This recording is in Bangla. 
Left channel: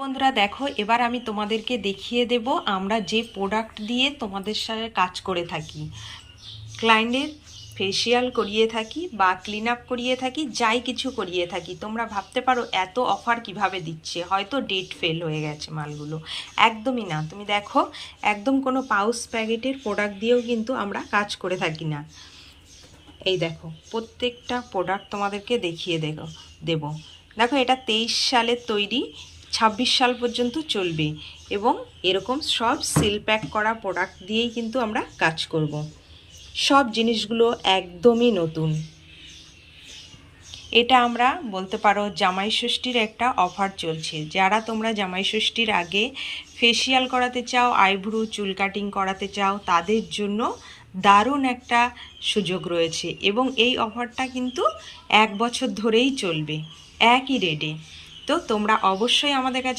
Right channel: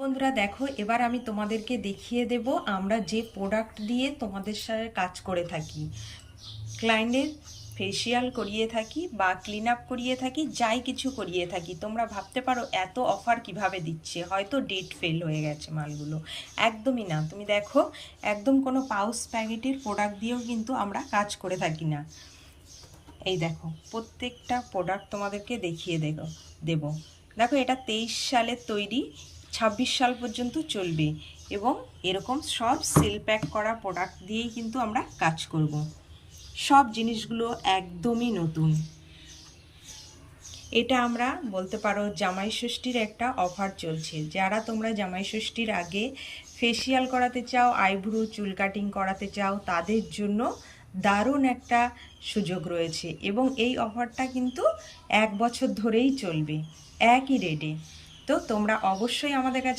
বন্ধুরা দেখো, এবার আমি তোমাদেরকে দেখিয়ে দেব আমরা যে প্রোডাক্ট দিয়ে তোমাদের সাথে কাজ করে থাকি, ক্লায়েন্টের ফেসিয়াল করিয়ে থাকি বা ক্লিন আপ করিয়ে থাকি, যাই কিছু করিয়ে থাকি। তোমরা ভাবতে পারো এত অফার কিভাবে দিচ্ছে, হয়তো ডেট ফেল হয়ে গেছে মালগুলো। একদমই না, তুমি দেখো একদম কোনো পাউচ প্যাকেটের প্রোডাক্ট দিয়েও কিন্তু আমরা কাজ করে থাকি না। এই দেখো প্রত্যেকটা প্রোডাক্ট তোমাদেরকে দেখিয়ে দেব। দেখো এটা 23 সালের তৈরি, 26 সাল পর্যন্ত চলবে এবং এরকম সব সিল প্যাক করা প্রোডাক্ট দিয়েই কিন্তু আমরা কাজ করব। সব জিনিসগুলো একদমই নতুন। এটা আমরা বলতে পারো জামাই ষষ্ঠীর একটা অফার চলছে। যারা তোমরা জামাই ষষ্ঠীর আগে ফেসিয়াল করাতে চাও, আইব্রু চুল কাটিং করাতে চাও, তাদের জন্য দারুণ একটা সুযোগ রয়েছে এবং এই অফারটা কিন্তু 1 বছর ধরেই চলবে একই রেটে। তো তোমরা অবশ্যই আমাদের কাছে